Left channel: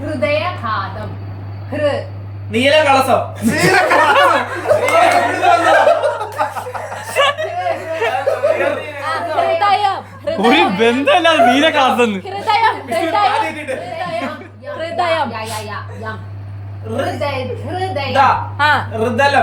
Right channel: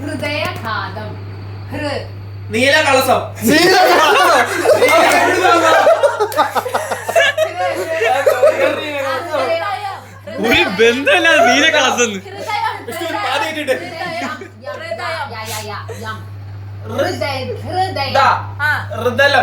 ഹൃദയഘാതം. നീലകളസം. ഒരു ബന്ധമല്ല നീലകളസം. ഹൃദയം.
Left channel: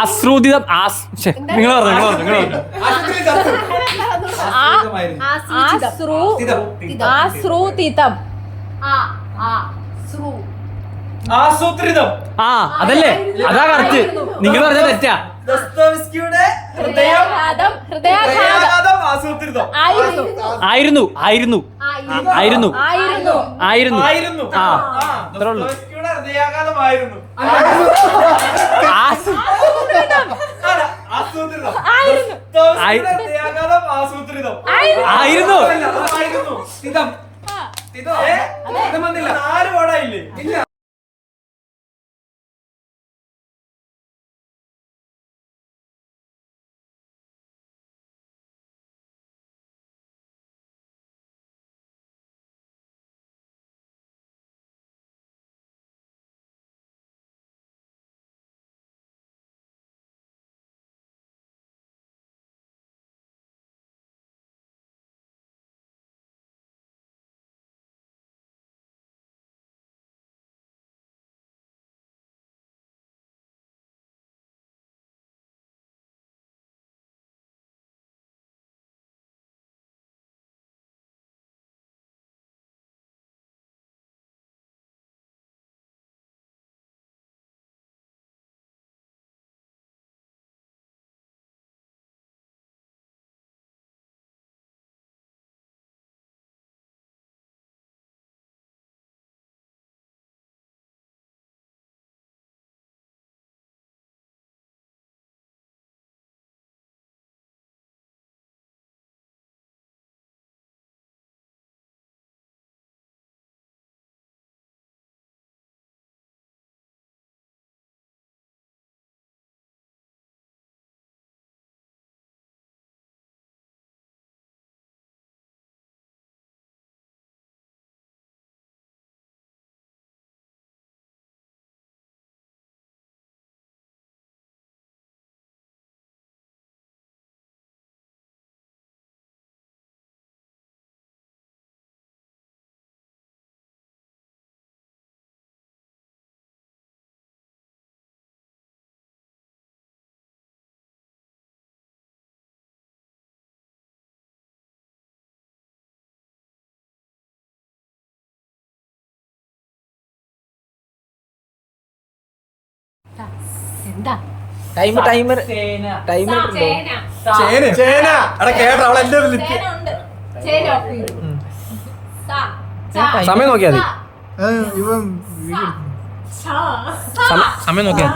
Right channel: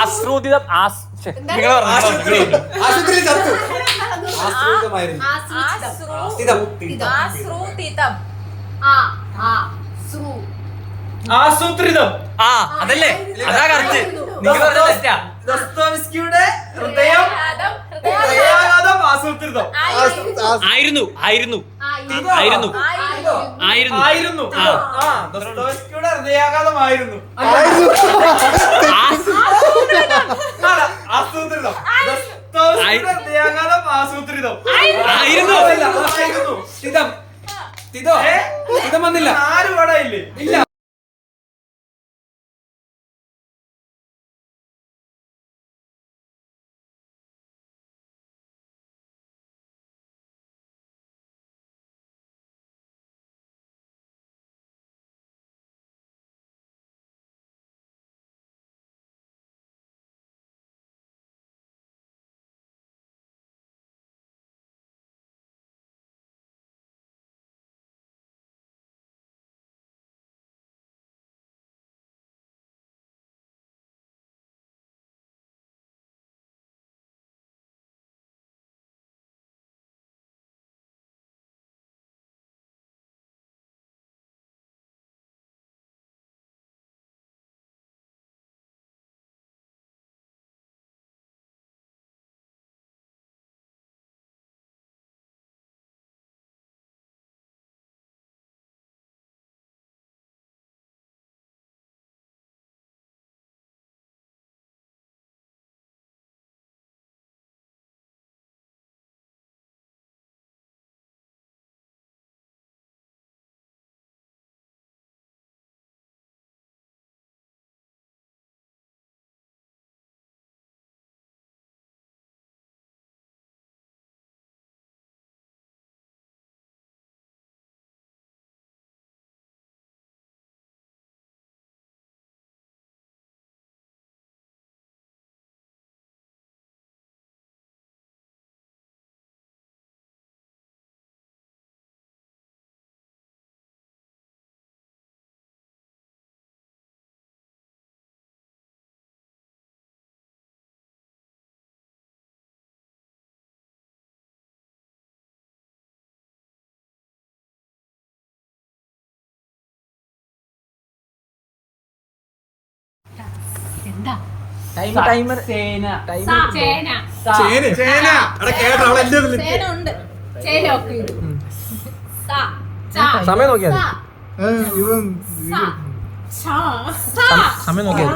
ആശ്രൂതിതം. ആസൂത്രിതം. അതല്ലേ, അതാ കറക്റ്റ്. നിങ്ങൾ പറഞ്ഞ തെറ്റാ. ദസ്തോവ്സ്കിയുടെ ഹൃദയാഘാതം ആസൂത്രിതം ആയിരുന്നു. ദസ്തോവ്സ്കിയുടെ ഹൃദയാഘാതമായിരുന്നു. ആസൂത്രിതം. ദസ്തോവ്സ്കിയുടെ ഹൃദയാഘാതം ആസൂത്രിതം ആയിരുന്നു. 4 പാടായില്ലേ? ഇല്ല. സമയം നോക്കിയാ സമയം നോക്കിയാ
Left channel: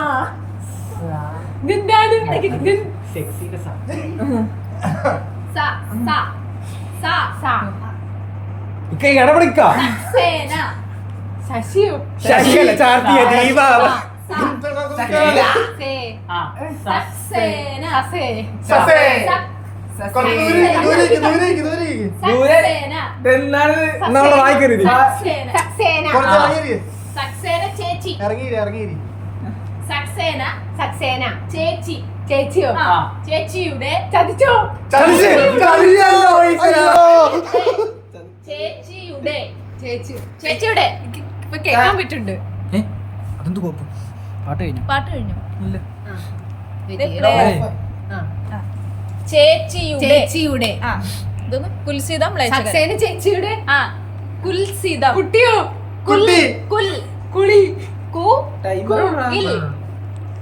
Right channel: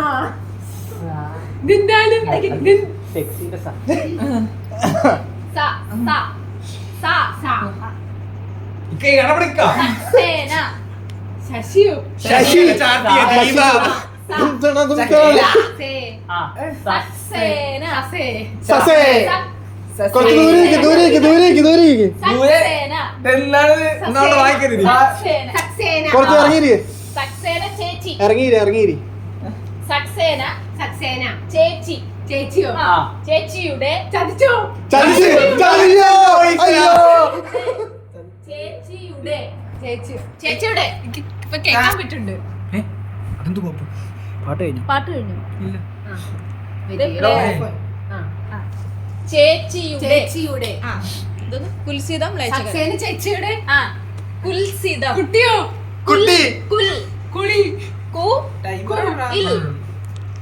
ചേച്ചിയുടെ ഇപ്പൊ കേൾക്കാൻ പറ്റുന്നുണ്ട്. പാട്ട് കഴിഞ്ഞു. ചേച്ചിയുടെ കുൽസിതം ചേച്ചിയുടെ കുൽസിതം കുട്ടിയോ കുട്ടി കുളി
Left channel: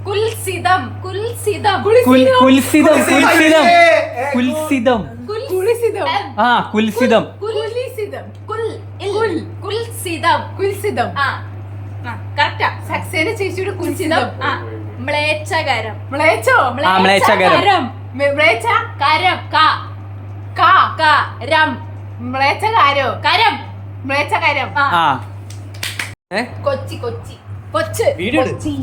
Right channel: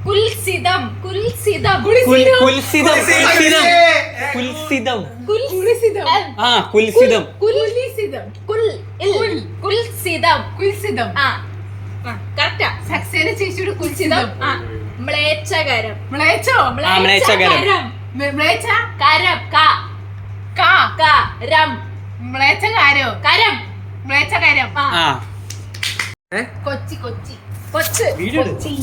കുൽസിതം ആ കുൽസിതം. കുൽസിതം. കുൽസിതം. കുൽസിതം. ആ കറക്റ്റാ. സക്സേന ചേച്ചിയുടെ കുൽസിതം. കുൽസിതം. ആ മ്ലേച്ഛകരം. മ്ലേച്ഛോ? മ്ലേച്ഛകരം. മ്ലേച്ഛ? കരം. ക കാ. കരം. മ്ലേച്ഛകാരോ? കരം. മ്ലേച്ഛകരം. ആ കൊച്ചി. കൊച്ചി. കൊച്ച്. കൊച്ചി.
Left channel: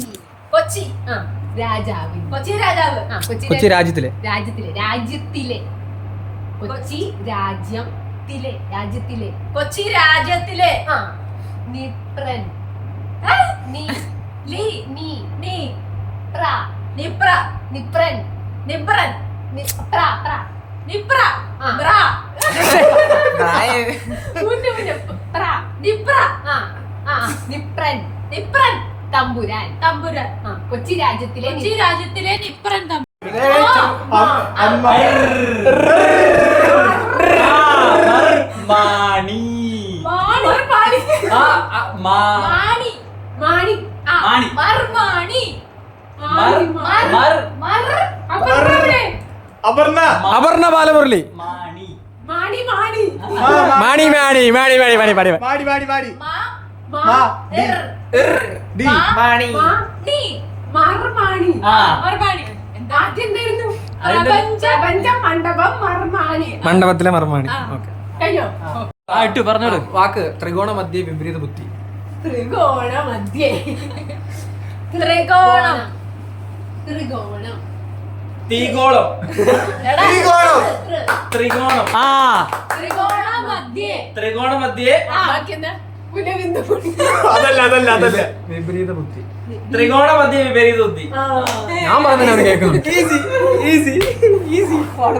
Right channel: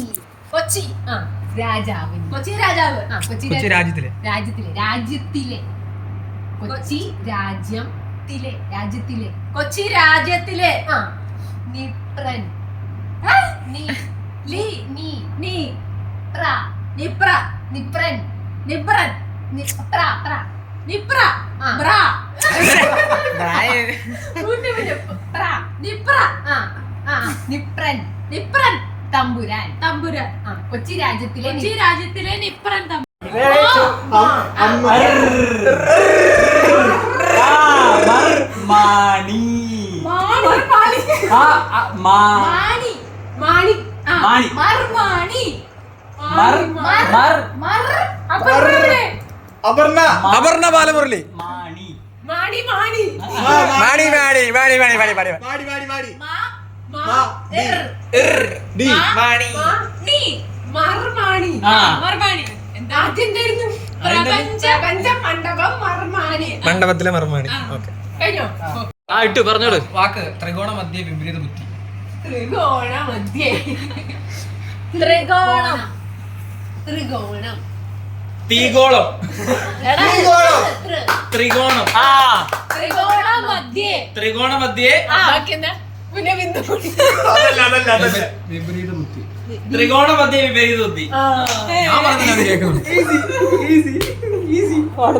കൊച്ചി. ആ രാജാവ്. കൊച്ചി രാജാവ്. ആ കൊച്ചി കൊച്ചി രാജ്യത്തിലെ രാജ്യത്തിലെ കൊച്ചി രാജ്യത്തിലെ കൊച്ചി രാജ്യത്തിലെ. ആ നിപ്രൻ. നീ ലി നീ നീ പ്ര നിപ്ര നിപ്രൻ നിബ്രൻ പ്ര നിപ്ര ആ. ബ്ര പ്ര നിപ്ര ആ ആ നിപ്രൻ നിപ്രൻ തമ്പുരാൻ. തമ്പുരാൻ. ആ കൊച്ചി രാജ്യത്തിലെ കൊച്ചി രാജ്യത്തിലെ നിപ്രൻ തമ്പുരാൻ. മാണി മാണി. മാണി. മാണി. ആ, മാണി. മർമാണി. അപർണ അപർണ ബാലമുരളി. മാണി മാണി മാണി മാടി മാ എർ ഡി മാണി നീ മർമാണി. ആ. മർമാണി. എന്താ ആദ്യം എന്തായിരുന്നു? പ്രപഞ്ച മണ്ഡപം മർമാണി. മണ്ഡപത്തിലെ മർമാണി. ആ. ഓക്കെ കഴിഞ്ഞോ? ആ ഇട്ടു പറഞ്ഞോളൂ. വാക്ക് ത്രികോണ മധ്യ വിപരീത ബുദ്ധി. ത്രികോണ മധ്യേ. ത്രികോണം. ത്രികോണം. തീഗോളം എടാ ത്രികോണം ആ ത്രികോണ മധ്യേ. ത്രികോണ മധ്യേ ആ ബാക്കി എന്താ? പിന്നെ ബിന്ദു കൂടി. അതല്ല വിപരീത ബുദ്ധി. ത്രികോണ മധ്യ വിപരീത ബുദ്ധി. ആ. ഞാൻ പറഞ്ഞത് കേൾക്കുന്നു. ഈസി പാട്ട്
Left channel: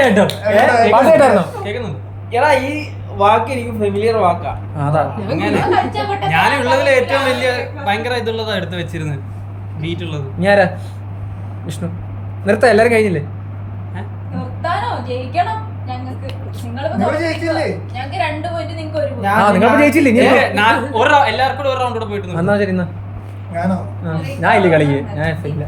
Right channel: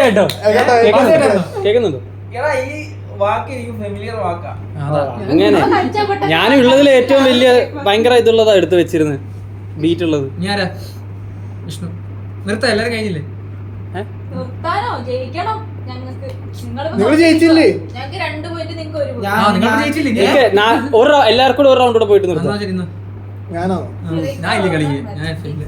കേട്ടോ കേൾക്കുന്നുണ്ടോ? കേൾക്കുന്നുണ്ട്. എടാ ഈ വാക്ക് എനിക്ക് ഫെമിലിയർ വാക്കാ. അതാ അങ്ങനെ ഞാനും ഉള്ളതിൽ ഏറ്റവും വലിയ ഭയങ്കര ഇതുള്ളതാ എടുത്തു വെച്ചിരുന്നത്, ബീറ്റ് ഉള്ളത്. ഞാനാ വിഷ്ണു. നിർത്താം, എല്ലാരും കഴിഞ്ഞില്ലേ? നിർത്താനോ? ജയിക്കണം ഞങ്ങൾക്ക്. നിങ്ങൾ ജയിച്ചില്ലേ? ഞങ്ങൾക്ക് 2 പോയിന്റ്, നിങ്ങൾക്ക് 1 പോയിന്റ്. ആ, നിങ്ങൾ ജയിച്ചില്ലേ? എല്ലാവർക്കും കൂടെ ഒരു റൗണ്ട് കൂടെ പോയിട്ട് എന്നാ നിർത്താം. ശരി എന്നാ. ഞാനോ? ഞാൻ ഇല്ല കളിക്ക്, ഞാൻ ഇല്ല.